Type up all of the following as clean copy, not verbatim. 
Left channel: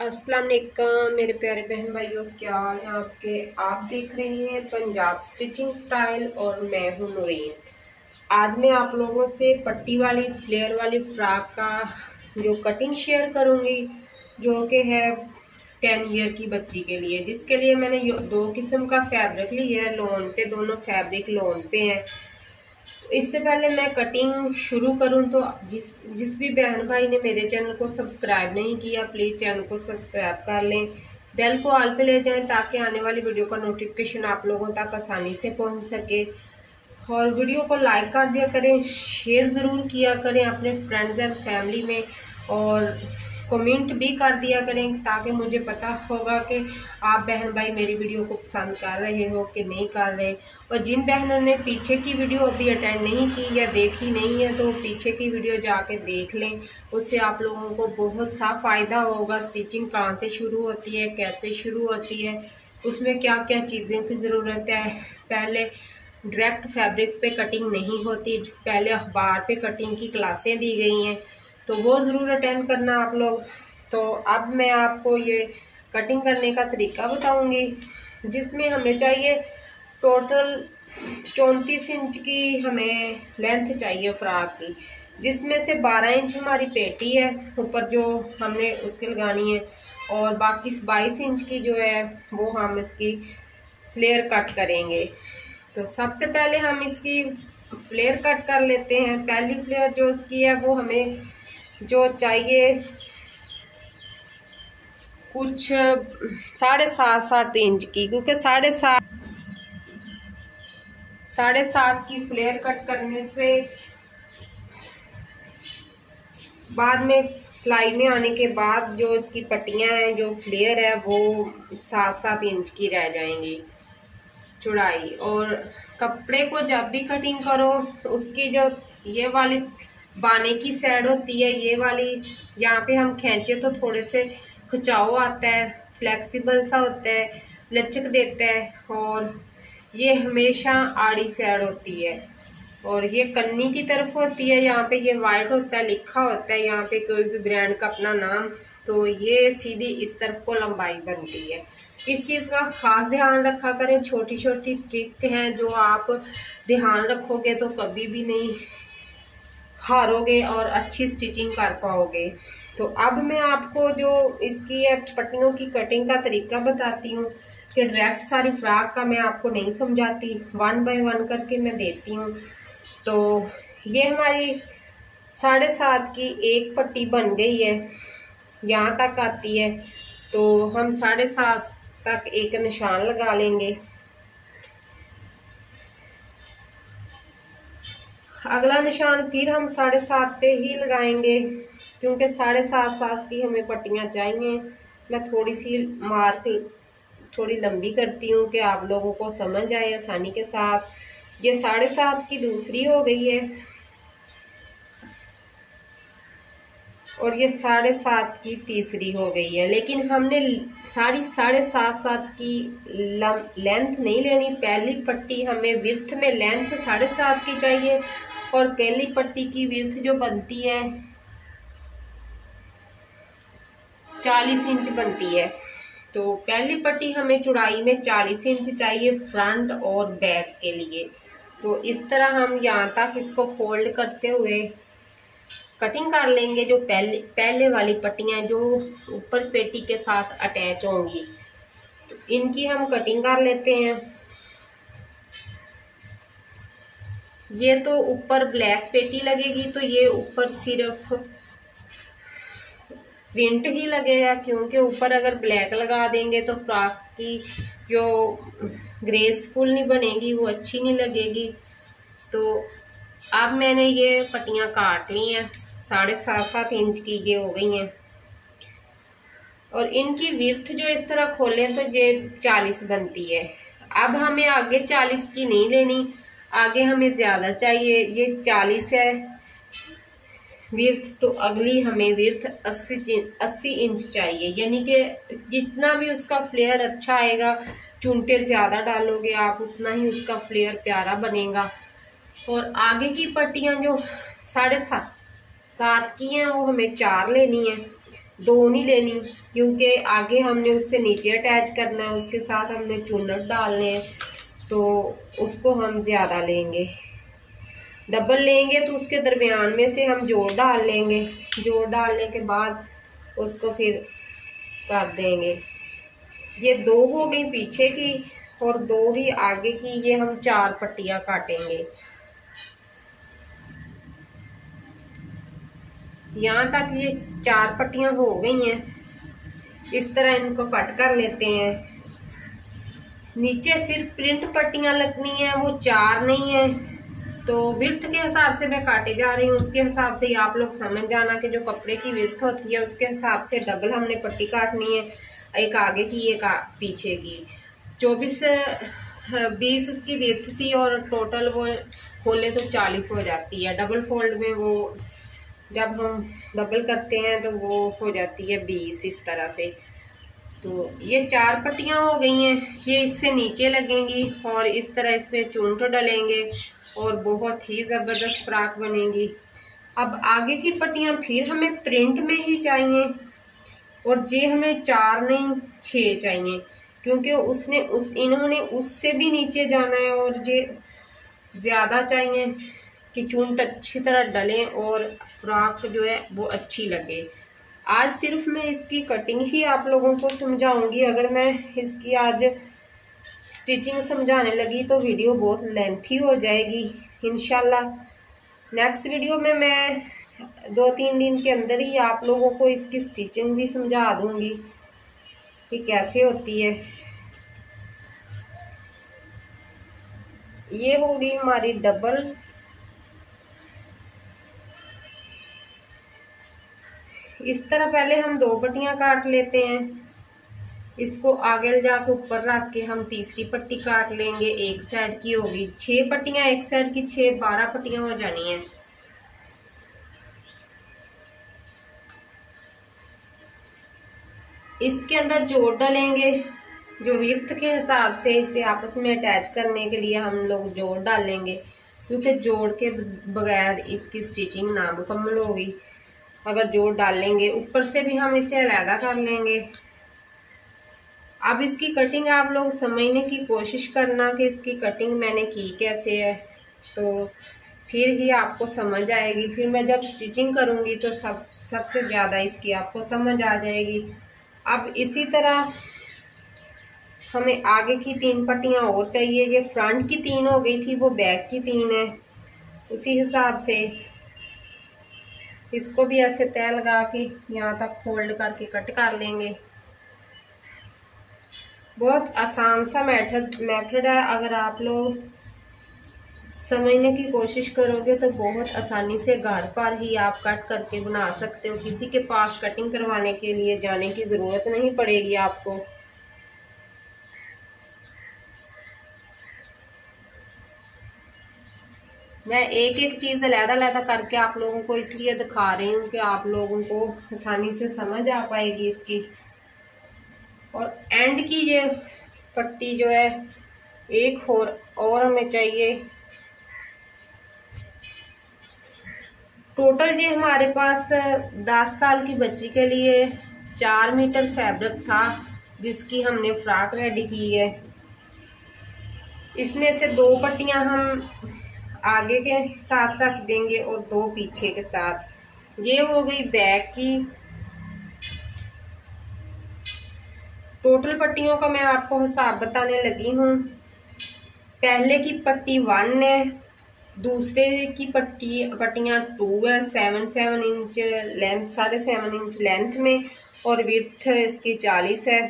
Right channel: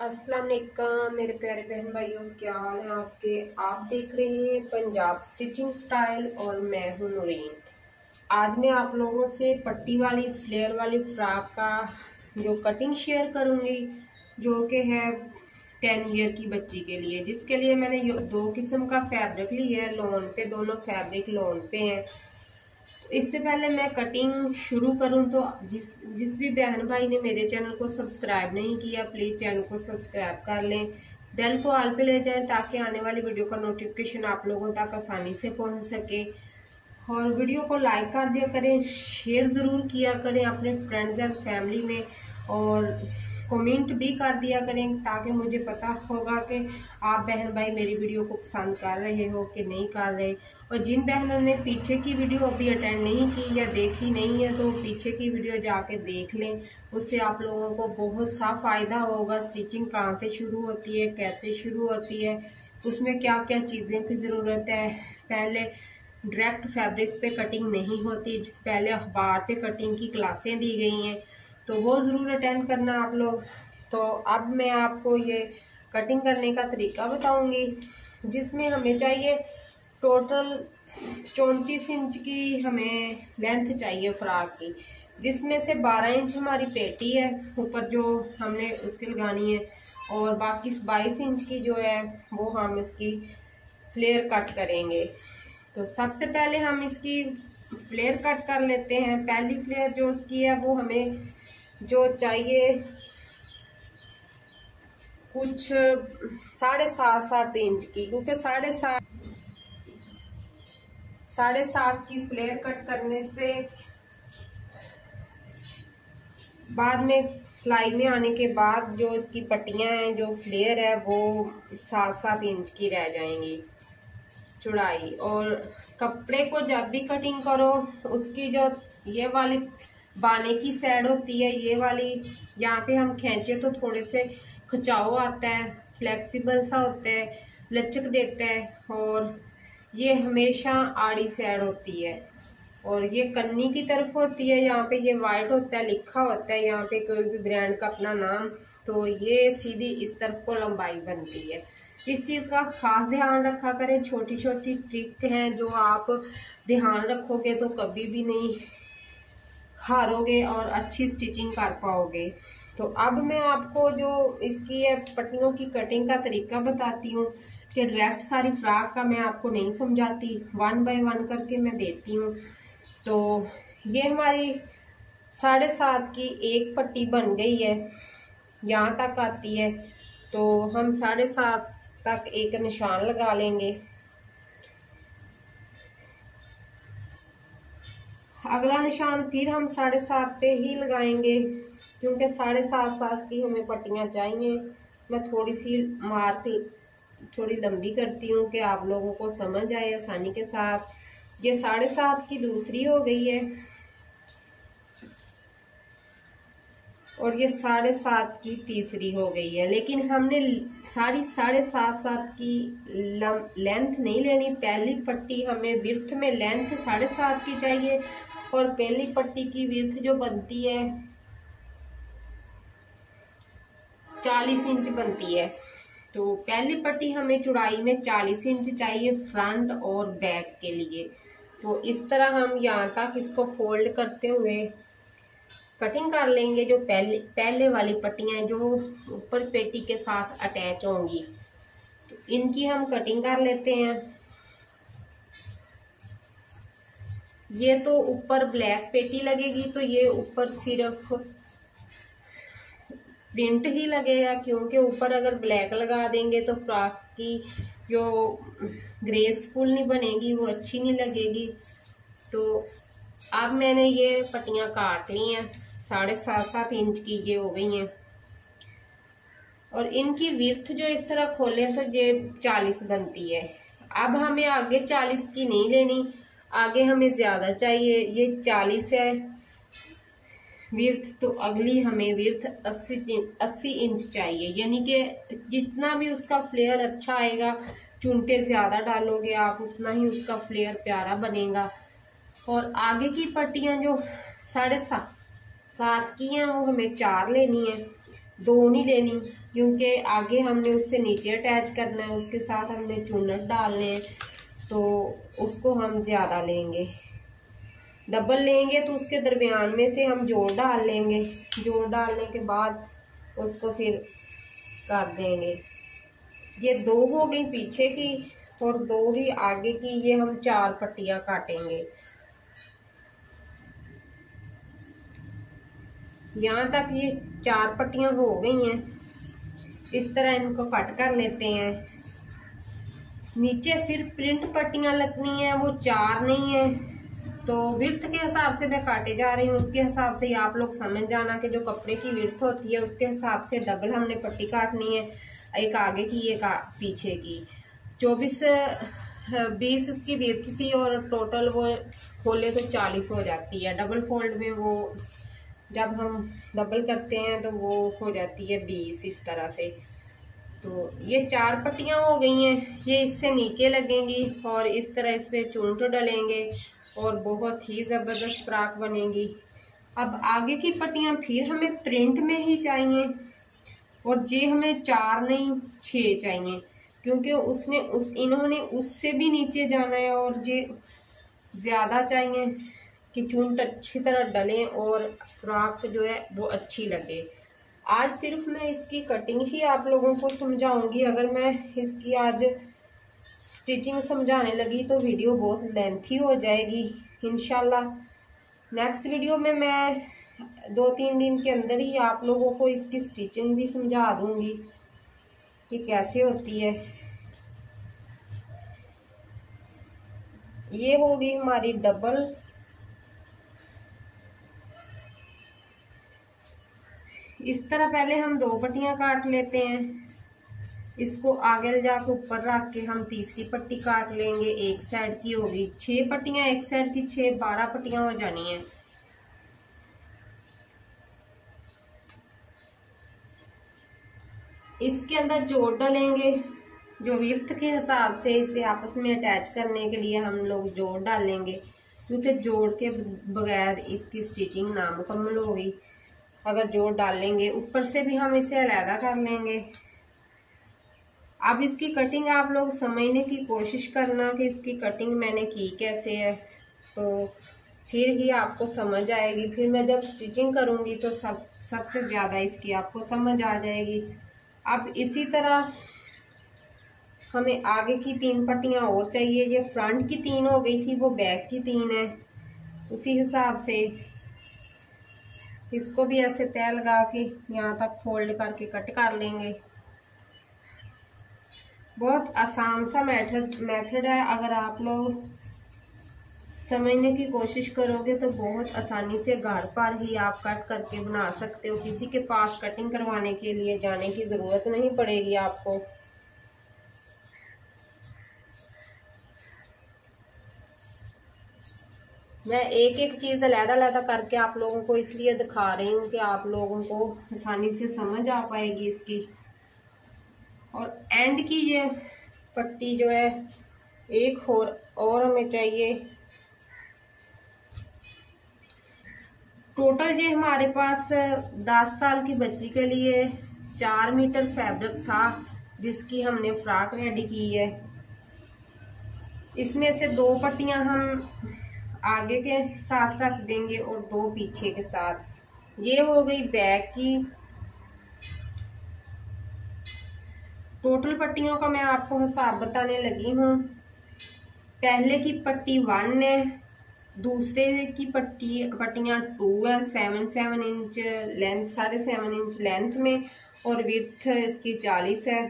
अस्सलाम वालेकुम मेरे प्यारे बहन भाइयों, क्या हाल है आपके। आप देख रहे हैं पंजाब स्टिचिंग स्टाइल और मैं हूं नूरीन। आज मैं आप लोगों से पट्टी वाली फ्लेयर वाली फ्रॉक का जो कटिंग शेयर करूंगी, जो कि है 10 ईयर की बच्ची के लिए, जिसके लिए मैंने दो किस्म का फैब्रिक लिया है। लोन पे दोनों फैब्रिक लोन पे हैं। इससे पहले मैं कटिंग शुरू करूं तो जिस भी बहन भाई ने मेरे चैनल को सब्सक्राइब नहीं किया, प्लीज़ चैनल को सब्सक्राइब कर लें, बेल को ऑल पे ले जाएं ताकि आने वाली वीडियो का नोटिफिकेशन आप लोगों तक आसानी से पहुंच सके। और वीडियो को लाइक कर दिया करें, शेयर ज़रूर किया करें अपने फ्रेंड्स एंड फैमिली में, और कमेंट भी कर दिया करें ताकि मुझे पता होगा कि आप बहन भाई मेरी वीडियो को पसंद कर रहे हो कि नहीं कर रहे। और जिन बहनों ने पीछे की वीडियो अभी अटेंड नहीं की या देखी नहीं है तो पीछे की वीडियो जाके देख लें, उससे आप लोगों को बहुत सा फ़ायदा होगा। स्टिचिंग कहाँ से शुरू होती है, कैसे शुरू होती है, उसमें क्या क्या चीज़ें की ज़रूरत है। पहले डायरेक्ट फैब्रिक पे कटिंग नहीं होती, पहले अखबार पे कटिंग की क्लासें दी गई हैं, तो वो ज़रूर अटेंड करना आप लोग। तो अब मैं आपको ये कटिंग करने का तरीका बताऊंगी, जिसमें हमें चाहिए टोटल 34 इंच की हमें लेंथ चाहिए फ्रॉक की, जिसमें से 12 इंच हमारी पेटी है ऊपर जो हमने उसके लगानी है, और बाकी 22 इंच की जो है वो हम इसकी फ्लेयर कट करेंगे। तो सबसे पहले हम इसकी फ्लेयर कट कर लेते हैं। पहली फ्लेयर जो इसकी है वो हमें जो चाहिए कुछ 7.5 इंच की, क्योंकि 7.5 की फ्लेयर कट करने से बाद में सिलाई में आने के बाद जो इसकी पट्टियां हैं, जो फ्लेयर है वो 7 इंच की रह जाएंगी चौड़ाई। और कपड़े को जब भी कटिंग करो, उसकी जो ये वाली बाने की साइड होती है, ये वाली यहाँ पे हम खींचे तो थोड़े से खिंचाव आता है, फ्लेक्सिबल सा होता है, लचक देता है। और ये हमेशा आड़ी साइड होती है, और ये कन्नी की तरफ होती है। यहाँ पे ये वाइट होता है, लिखा होता है यहाँ पे कोई भी ब्रांड का अपना नाम, तो ये सीधी इस तरफ को लंबाई बनती है। इस चीज़ का खास ध्यान रखा करें। छोटी छोटी ट्रिक हैं जो आप ध्यान रखोगे तो कभी भी नहीं हारोगे और अच्छी स्टिचिंग कर पाओगे। तो अब मैं आपको जो इसकी पट्टियों की कटिंग का तरीका बताती हूँ, कि डायरेक्ट सारी फ्रॉक का मैं आपको नहीं समझाती, 1 बाय 1 करके मैं देती हूँ। तो ये हमारी 7.5 की एक पट्टी बन गई है, यहाँ तक आती है। तो हम 7.5 तक एक निशान लगा लेंगे। अगला निशान फिर हम 7.5 पे ही लगाएंगे, क्योंकि 7.5 की हमें पट्टियाँ चाहिए। मैं थोड़ी सी मार्क थोड़ी लंबी करती हूँ कि आप लोगों को समझ आए आसानी के साथ। ये 7.5 की दूसरी हो गई है, और ये 7.5 की तीसरी हो गई है। लेकिन हमने सारी 7.5 की लेंथ नहीं लेनी। पहली पट्टी हमें विर्थ में लेंथ 7.5 की चाहिए, और पहली पट्टी की विर्थ जो बनती है 40 इंच बनती है। तो पहली पट्टी हमें चौड़ाई में 40 इंच चाहिए फ्रंट और बैक के लिए। तो इस तरह हम यहाँ तक इसको फोल्ड करते हुए कटिंग कर लेंगे। जो पहले वाली पट्टियाँ जो ऊपर पेटी के साथ अटैच होंगी, तो इनकी हम कटिंग कर लेते हैं। ये तो ऊपर ब्लैक पेटी लगेगी, तो ये ऊपर सिर्फ प्रिंट ही लगेगा, क्योंकि ऊपर अगर ब्लैक लगा देंगे तो फ्रॉक की जो ग्रेसफुल नहीं बनेगी, वो अच्छी नहीं लगेगी। तो अब मैंने ये पट्टियाँ काट ली हैं, 7.5 इंच की ये हो गई हैं। और इनकी विड्थ जो इस तरह खोलें तो ये 40 बनती है। अब हमें आगे 40 की नहीं लेनी, आगे हमें ज़्यादा चाहिए। ये 40 है विड्थ, तो अगली हमें विड्थ 80 इंच चाहिए। यानी कि जितना भी उसका फ्लेयर अच्छा आएगा, चुनटे ज़्यादा डालोगे आप, उतना ही उसका फ्लेयर प्यारा बनेगा। और आगे की पट्टियाँ जो 7.5 की हैं वो हमें 4 लेनी है। दो नहीं लेनी, क्योंकि आगे हमने उससे नीचे अटैच करना है, उसके साथ हमने चुन्नट डालने हैं, तो उसको हम ज़्यादा लेंगे। डबल लेंगे तो उसके दरमियान में से हम जोड़ डाल लेंगे। जोड़ डालने के बाद उसको फिर कर देंगे। ये दो हो गई पीछे की और दो ही आगे की। ये हम 4 पट्टियाँ काटेंगे। यहाँ तक ये 4 पट्टियाँ हो गई हैं। इस तरह इनको कट कर लेते हैं। नीचे फिर प्रिंट पट्टियाँ लगनी है, वो 4 नहीं है, तो विड्थ के हिसाब से मैं काटे जा रही हूँ। उसके हिसाब से आप लोग समझ जाना कि जो कपड़े की विड्थ होती है उसके हिसाब से डबल हमने पट्टी काटनी है, एक आगे की एक पीछे की। 20 उसकी विड्थ थी और टोटल वो खोले तो 40 हो जाती है। डबल फोल्ड में वो जब हम डबल करते हैं तो वो हो जाती है 20 इस तरह से। तो ये 4 पट्टियाँ हो गई हैं। ये इससे नीचे लगेंगी और इस तरह इस पर चुन्नट डलेंगे और बहुत ही ज़बरदस्त फ्रॉक बनेगी। अब आगे की पट्टियाँ फिर हमें प्रिंट में ही चाहिए और ये हमें 4 नहीं 6 चाहिए, क्योंकि इन्होंने उससे भी नीचे जाना है और ये ज़्यादा चाहिए कि चुन्नट अच्छी तरह डलें और फ्रॉक जो है वो अच्छी लगे। आज सिर्फ मैं इसकी कटिंग ही आप लोगों को समझाऊंगी। अगर मैं इसकी आज स्टिचिंग समझाने लगी तो वीडियो बहुत लेंथी हो जाएगी। इंशाल्लाह नेक्स्ट वीडियो में मैं 2-3 दिन के अंदर ही आप लोगों को इसकी स्टिचिंग भी समझा दूंगी कि कैसे होती है। ये होगी हमारी डबल। इस तरह पहले हम 2 पट्टियाँ काट लेते हैं। इसको आगे ले जाकर ऊपर रख के हम तीसरी पट्टी काट लेंगे। एक साइड की होगी 6 पट्टियाँ, एक साइड की 6, 12 पट्टियाँ हो जानी है। इसके अंदर जोड़ डालेंगे जो विड्थ के हिसाब से इसे आपस में अटैच करने के लिए हम लोग जोड़ डालेंगे, क्योंकि जोड़ के बगैर इसकी स्टिचिंग नामुकम्मल होगी। अगर जोड़ डालेंगे ऊपर से भी हम इसे अलहदा कर लेंगे। अब इसकी कटिंग आप लोग समझने की कोशिश करना कि इसकी कटिंग मैंने की कैसे है, तो फिर ही आपको समझ आएगी। फिर मैं जब स्टिचिंग करूँगी तो सबसे ज़्यादा इसकी आपको समझ आ जाएगी। अब इसी तरह हमें आगे की 3 पट्टियाँ और चाहिए। ये फ्रंट की 3 हो गई थी, वो बैक की 3 है। उसी हिसाब से इसको भी ऐसे तय लगा के यहाँ तक फोल्ड करके कट कर लेंगे। बहुत आसान सा मेथड है। अगर आप लोग समझने की कोशिश करोगे तो बहुत आसानी से घर पर ही आप कट करके बना सकते हो। किसी के पास कटिंग करवाने के लिए जाने की ज़रूरत नहीं पड़ेगी आपको। मैं एक एक चीज़ अलग-अलग करके आप लोगों को इसलिए दिखा रही हूँ कि आप लोगों को आसानी से समझ आ पाएगी इसकी। और एंड की ये पट्टी जो है एक और हमें चाहिए। टोटल ये हमारे पास 10 साल की बच्ची के लिए 4 मीटर फैब्रिक था जिसकी हमने फ्रॉक रेडी की है। इसमें से 2 पट्टियां हम आगे के साथ रख देंगे और 2 पीछे के साथ। ये हो गई बैक की। टोटल पट्टियों का मैं आपको हिसाब बताने लगी हूँ। पहले की पट्टी 1 है, दूसरे की पट्टियाँ 2 है, 7 इंच लेंथ, 7.5 इंच लेंथ में, और विड्थ इसकी 40 है।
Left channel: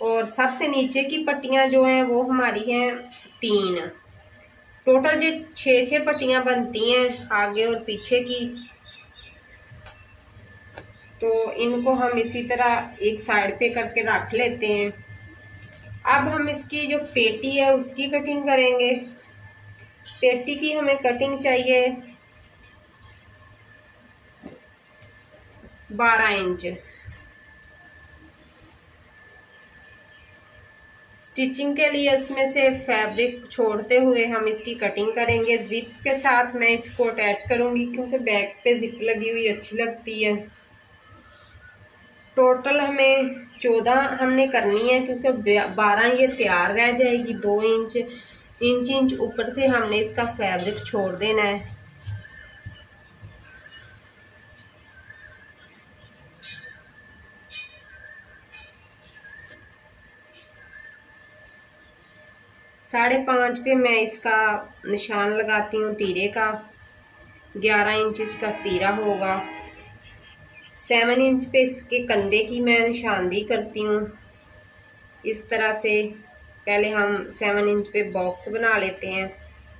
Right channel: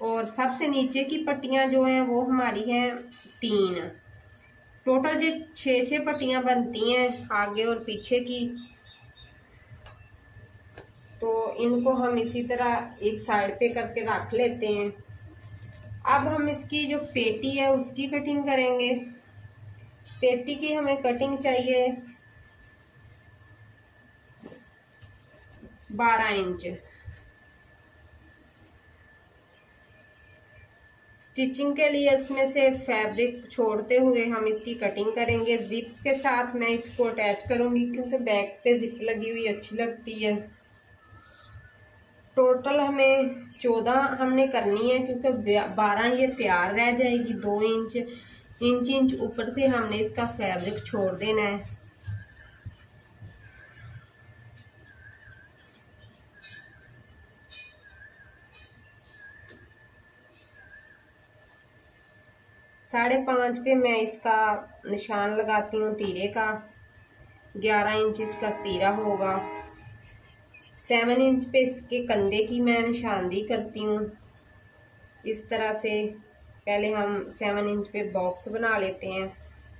और सबसे नीचे की पट्टियाँ जो हैं वो हमारी हैं 3। टोटल जो 6 पट्टियाँ बनती हैं आगे और पीछे की। तो इनको हम इसी तरह एक साइड पे करके रख लेते हैं। अब हम इसकी जो पेटी है उसकी कटिंग करेंगे। पेटी की हमें कटिंग चाहिए 12 इंच। स्टिचिंग के लिए इसमें से फैब्रिक छोड़ते हुए हम इसकी कटिंग करेंगे। जिप के साथ मैं इसको अटैच करूंगी क्योंकि बैक पे जिप लगी हुई अच्छी लगती है। टोटल हमें 14 हमने करनी है, क्योंकि 12 ये तैयार रह जाएगी। 2 इंच ऊपर से हमने इसका फैब्रिक छोड़ देना है। साढ़े 5 पे मैं इसका निशान लगाती हूँ तीरे का। 11 इंच इसका तीरा होगा। 7 इंच पे इसके कंधे की मैं निशानदेही करती हूँ। इस तरह से पहले हम 7 इंच पे बॉक्स बना लेते हैं।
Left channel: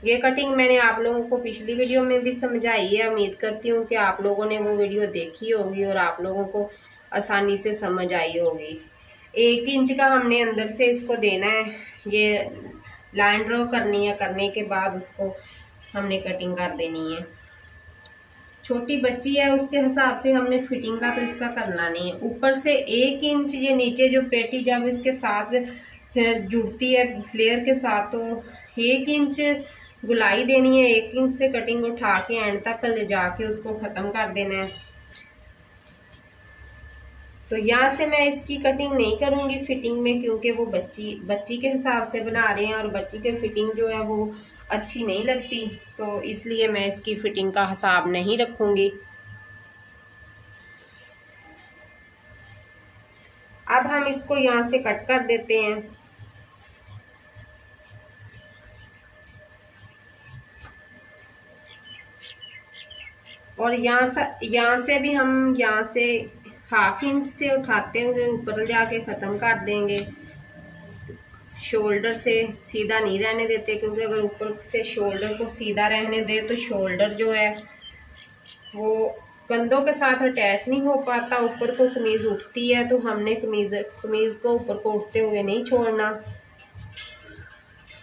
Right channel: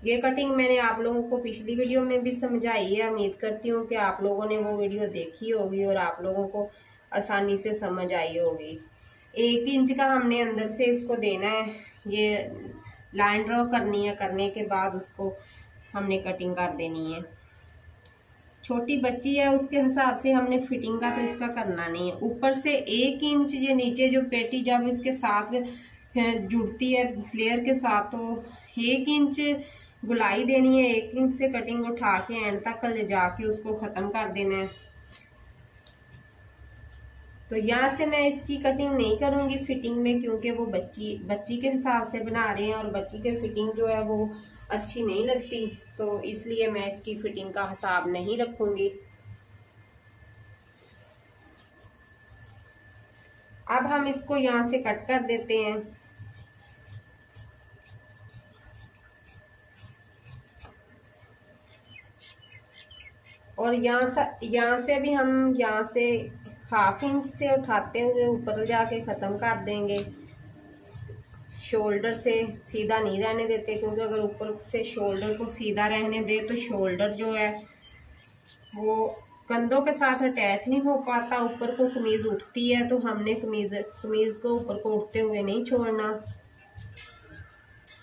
ये कटिंग मैंने आप लोगों को पिछली वीडियो में भी समझाई है। उम्मीद करती हूँ कि आप लोगों ने वो वीडियो देखी होगी और आप लोगों को आसानी से समझ आई होगी। 1 इंच का हमने अंदर से इसको देना है। ये लाइन ड्रॉ करनी है, करने के बाद उसको हमने कटिंग कर देनी है। छोटी बच्ची है, उसके हिसाब से हमने फिटिंग का तो इसका करना नहीं है। ऊपर से 1 इंच ये नीचे जो पेटी जब इसके साथ जुड़ती है फ्लेयर के साथ, तो 1 इंच गुलाई देनी है। 1 इंच से कटिंग उठा के एंड तक ले जाके उसको ख़त्म कर देना है। तो यहाँ से मैं इसकी कटिंग नहीं करूँगी फिटिंग में, क्योंकि वो बच्ची के हिसाब से बना रहे हैं और बच्ची के फिटिंग जो है वो अच्छी नहीं लगती, तो इसलिए मैं इसकी फिटिंग का हिसाब नहीं रखूँगी। अब हम इसको यहाँ से कट कर देते हैं। और यहाँ से भी हम यहाँ से 1/2 इंच से उठाते हुए ऊपर जाके ख़त्म कर देंगे। शोल्डर से सीधा नहीं रहने देते, क्योंकि अगर ऊपर से शोल्डर को सीधा रहने दे तो शोल्डर जो है वो कंधों के साथ अटैच नहीं हो पाता। ऊपर को कमीज़ उठती है, तो हमने कमीज़ को ऊपर को उठते हुए नहीं छोड़ना।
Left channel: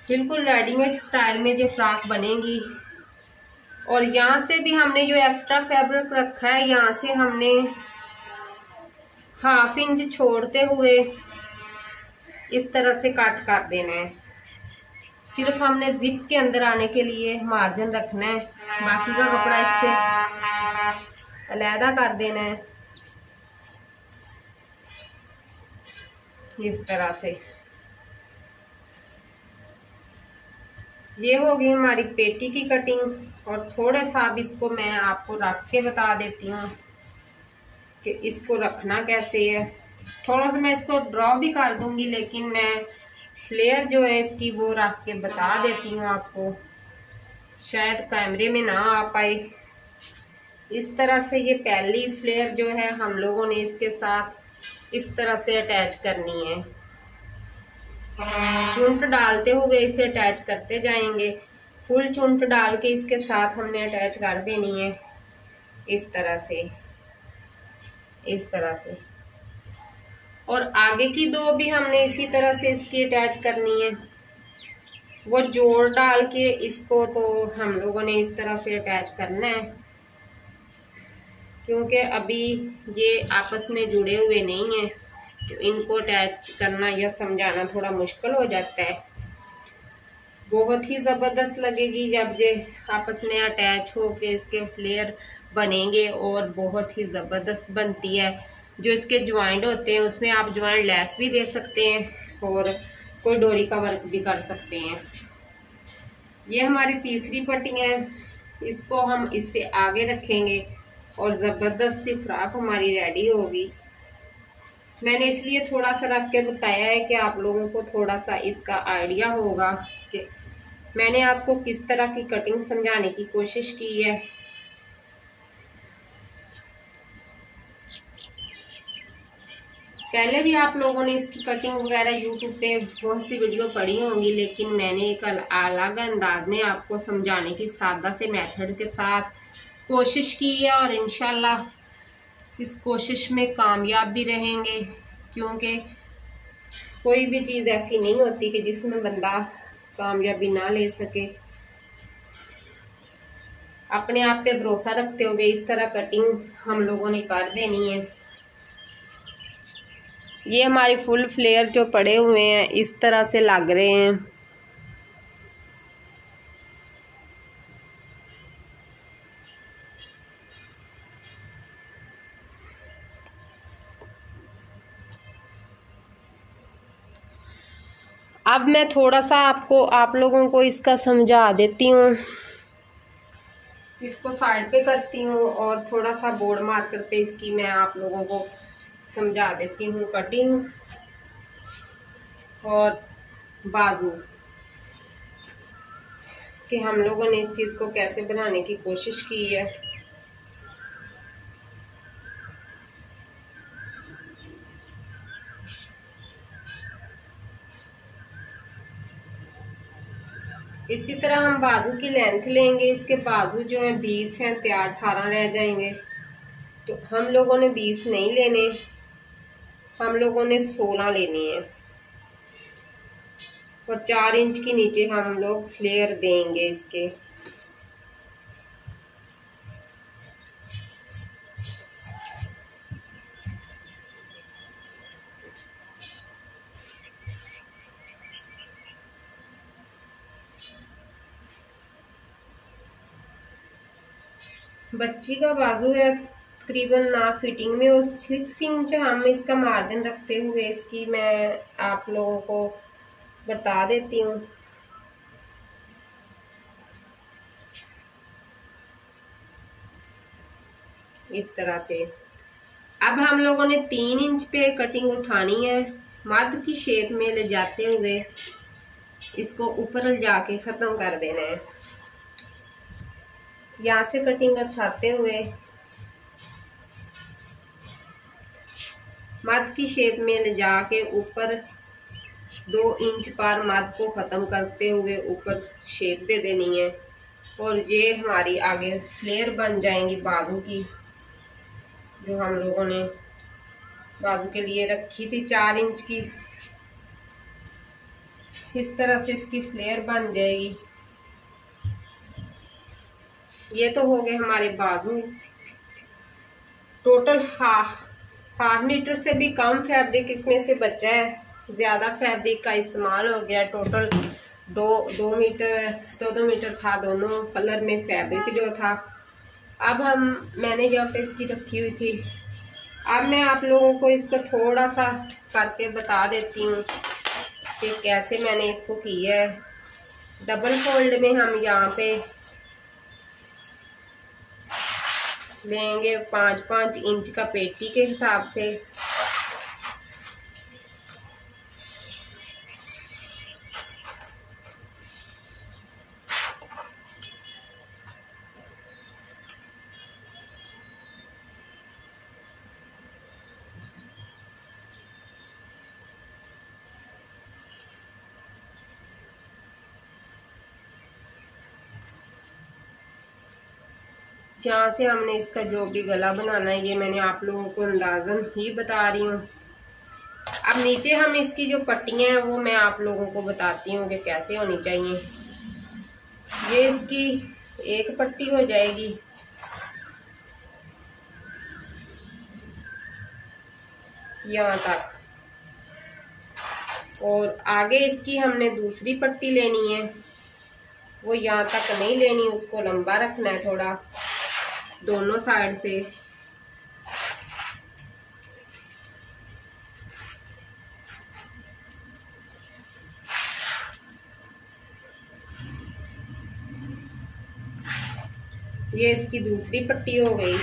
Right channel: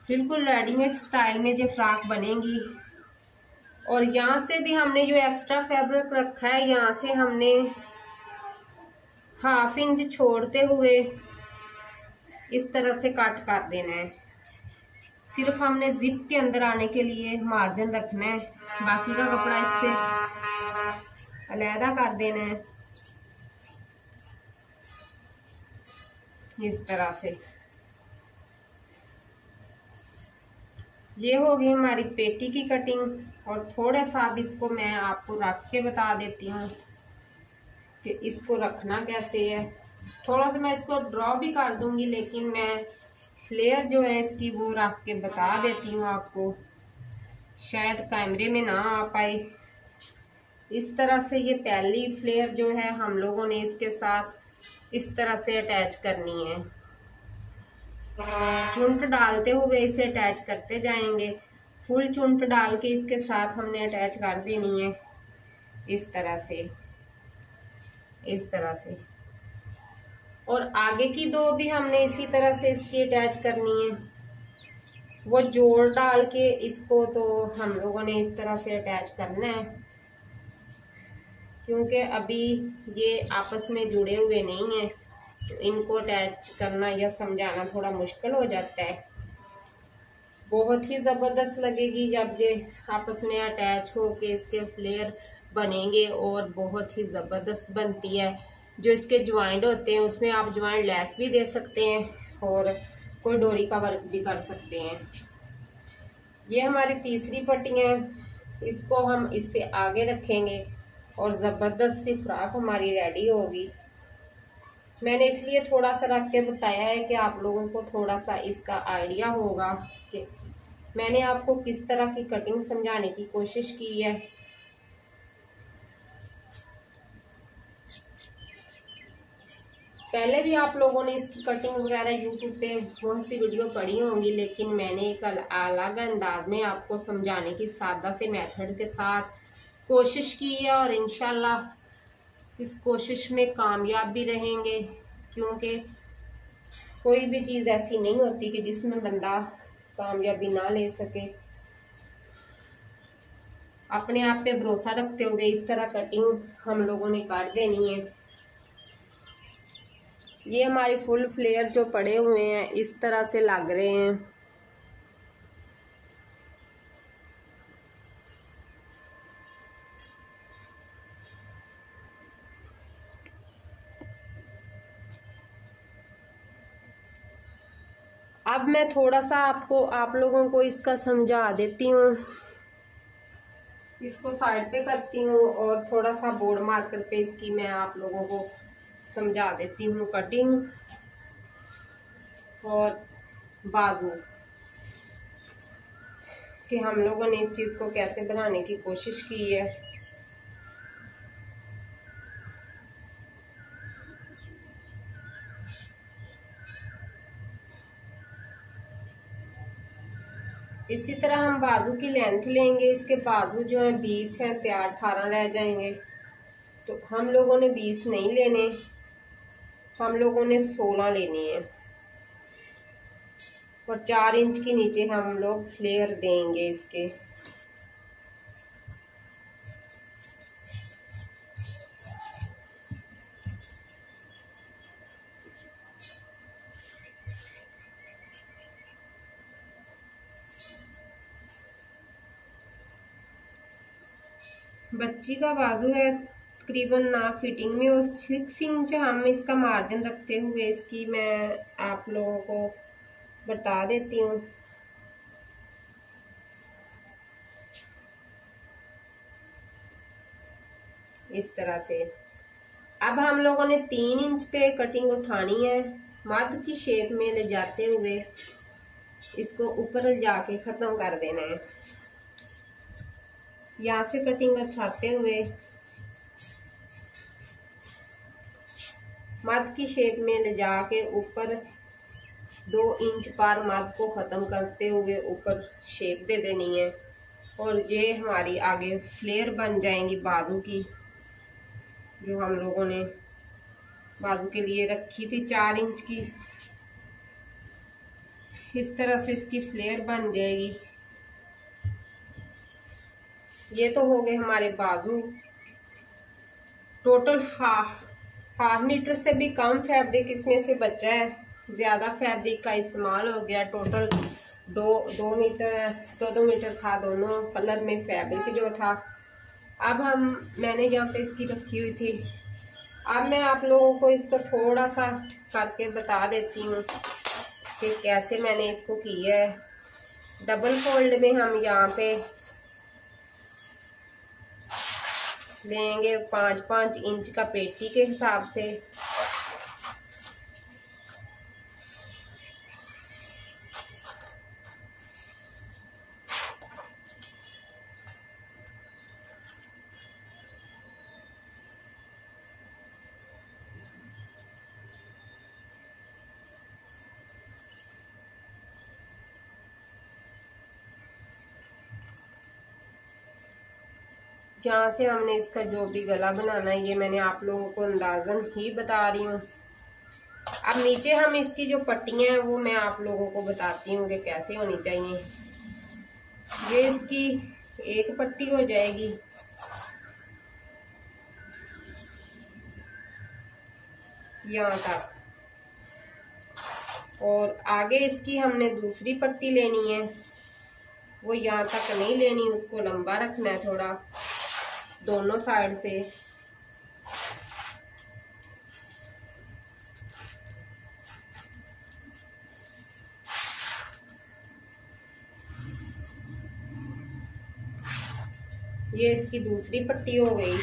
बिल्कुल रेडीमेड स्टाइल में जो फ्रॉक बनेगी। और यहाँ से भी हमने जो एक्स्ट्रा फैब्रिक रखा है, यहाँ से हमने 1/2 इंच छोड़ते हुए इस तरह से कट कर देना है। सिर्फ हमने जिप के अंदर आने के लिए मार्जिन रखना है, बाकी का कपड़ा इससे अलहदा कर देना है। इस तरह से ये होगी हमारी पेटी की कटिंग। और थोड़ा सा अब इसको मैं आपको रख के बता देती हूँ कि इसको रखना कैसे है। थोड़ा सा मैं इसको ड्रॉ भी कर दूंगी, लेकिन मैं फ्लेयर जो है इसकी वो रख के बता देती हूँ आपको, शायद कैमरे में ना आ पाए। इस तरह से ये पहली फ्लेयर जो है हम लोगों ने इसके साथ इस तरह से अटैच करनी है। चुंट डालते हुए इसे अटैच करते जाएंगे। फुल चुंट डाल के इसके साथ हमने अटैच कर देनी है इस तरह से, इस तरह से। और आगे की 2 भी हमने इसी तरह से इसकी अटैच करनी है। वो जोड़ डाल के इसको तो हम लोगों ने इस तरह से अटैच करना है, क्योंकि अभी ये आपस में जुड़े हुए नहीं है, तो इनको अटैच करना या समझाना थोड़ा मुश्किल हो जाता है। बहुत ही ज़बरदस्त लगेगी जब ये आपस में अटैच हो के इसके फ्लेयर बनेंगे, और बहुत ही ज़बरदस्त बनती है। जो इसके ज्वाइंट होते हैं उसमें आप ज्वाइंट लेस भी दे सकते हैं और कोई डोरी का वर्क भी कर सकते हैं। ये हमारी तीसरी पट्टी है, इसको हम इससे आगे रखेंगे और ज़बरदस्त सी फ्रॉक हमारी रेडी होगी। मैंने इसलिए थोड़ा सा रख के बताया है कि आप लोगों को थोड़ा सा इसका आइडिया होगा कि मैंने आपको किस तरह की कटिंग समझाने की कोशिश की है। पहले भी आप लोगों ने इसकी कटिंग वगैरह यूट्यूब पे बहुत सी वीडियो पड़ी होंगी, लेकिन मैंने एक अलग अंदाज में आपको समझाने की सादा से मेथड के साथ कोशिश की है, और इंशाल्लाह इस कोशिश में कामयाब भी रहेंगे। क्योंकि कोई भी चीज़ ऐसी नहीं होती कि जिसमें बंदा कामयाबी ना ले सके। अपने आप पे भरोसा रखते हुए इस तरह कटिंग हम लोगों ने कर देनी है। ये हमारी फुल फ्लेयर जो पड़े हुए हैं इस तरह से लग रहे हैं। अब मैं थोड़ा सा आप लोगों को इसका समझा देती हूँ। इसको साइड पे करती हूँ और थोड़ा सा बोर्ड मार्कर पे इसकी मैं आप लोगों को समझा देती हूँ कटिंग और बाजू कि हम लोगों ने इस चीज़ को कैसे बनाने की कोशिश की है। इसी तरह हम बाजू की लेंथ लेंगे। इसके बाजू जो है 20 हैं, तैयार 18 रह जाएंगे। तो हम लोगों ने 20 नहीं लेने, हम लोगों ने 16 लेने हैं और 4 इंच की नीचे हम लोग फ्लेयर देंगे इसके। बच्ची का बाजू है तकरीबन ना फिटिंग में, उस 6 इंच हम इसका मार्जिन रखते हुए इसकी मैं आप लोगों को बता देती हूँ। इस तरह से अब हम लोगों ने 3 इंच पे कटिंग उठानी है। मध्य की शेप में ले जाते हुए इसको ऊपर जाके ख़त्म कर देना है। यहाँ से कटिंग उठाते हुए मध्य की शेप में ले जाके ऊपर 2 इंच पर मध्य को ख़त्म करते हुए ऊपर शेप दे देनी है और ये हमारी आगे फ्लेयर बन जाएंगी बाजू की, जो हम लोगों ने बाजू के लिए रखी थी 4 इंच की। इस तरह से इसकी फ्लेयर बन जाएगी। ये तो हो गए हमारे बाजू। टोटल हाफ मीटर से भी कम फैब्रिक इसमें से बचा है, ज़्यादा फैब्रिक का इस्तेमाल हो गया। टोटल 2 मीटर था दोनों कलर में फैब्रिक जो था। अब मैंने जब इसकी रखी हुई थी, अब मैं आप लोगों को इसको थोड़ा सा करके बता देती हूँ कि कैसे मैंने इसको किया है। डबल फोल्ड में हम यहाँ पे लेंगे 5-5 इंच का पेटी के हिसाब से। जहाँ से हमने इसका जो भी गला बनाना है ये मैंने आप लोगों को अंदाज़न ही बता रही हूँ। अब नीचे हम इसकी जो पट्टियाँ हैं वो मैं आप लोगों को बताती हूँ कि कैसे होनी चाहिए। ये इसकी एक पट्टी हो जाएगी, यहाँ तक, और आगे इसकी हमने दूसरी पट्टी लेनी है। वो यहाँ तक नहीं लेनी, उसको लंबा रखना है थोड़ा दोनों साइड से। ये इसकी दूसरी पट्टी हो गई।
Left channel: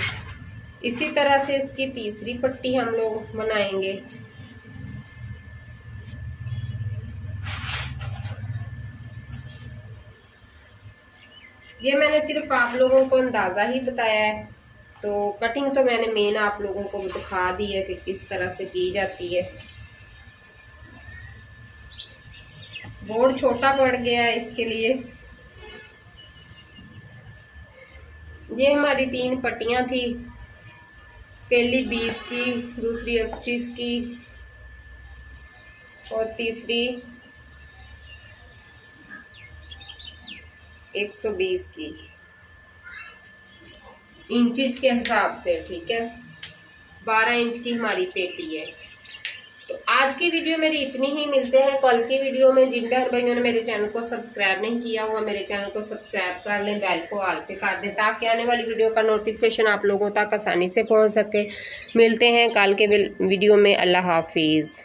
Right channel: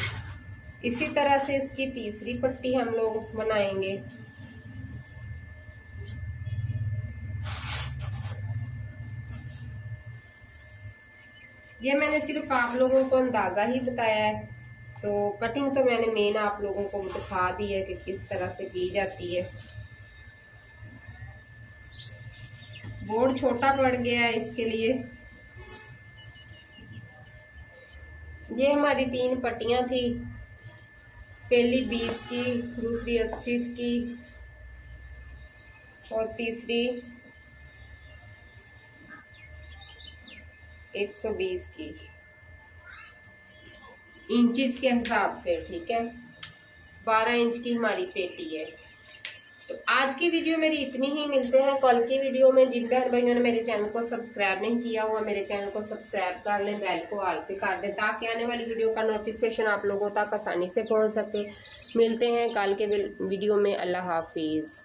इसी तरह से इसकी तीसरी पट्टी हम लोग बनाएंगे। ये मैंने सिर्फ आप लोगों को अंदाज़ा ही बताया है, तो कटिंग तो मैंने मेन आप लोगों को दिखा दी है कि किस तरह से की जाती है। बोर्ड छोटा पड़ गया है इसके लिए। ये हमारी 3 पट्टियाँ थी, पहली 20 की, दूसरी 80 की और तीसरी 120 की, इंचिस के हिसाब से। ठीक है, 12 इंच की हमारी पेटी है। तो आज की वीडियो मेरी इतनी ही। मिलते हैं कल की वीडियो में। जिन बहन भाइयों ने मेरे चैनल को सब्सक्राइब नहीं किया हुआ मेरे चैनल को सब्सक्राइब कर लें, बेल को ऑल पे कर दें ताकि आने वाली वीडियो का नोटिफिकेशन आप लोगों तक आसानी से पहुंच सके। मिलते हैं कल के वीडियो में। अल्लाह हाफिज़।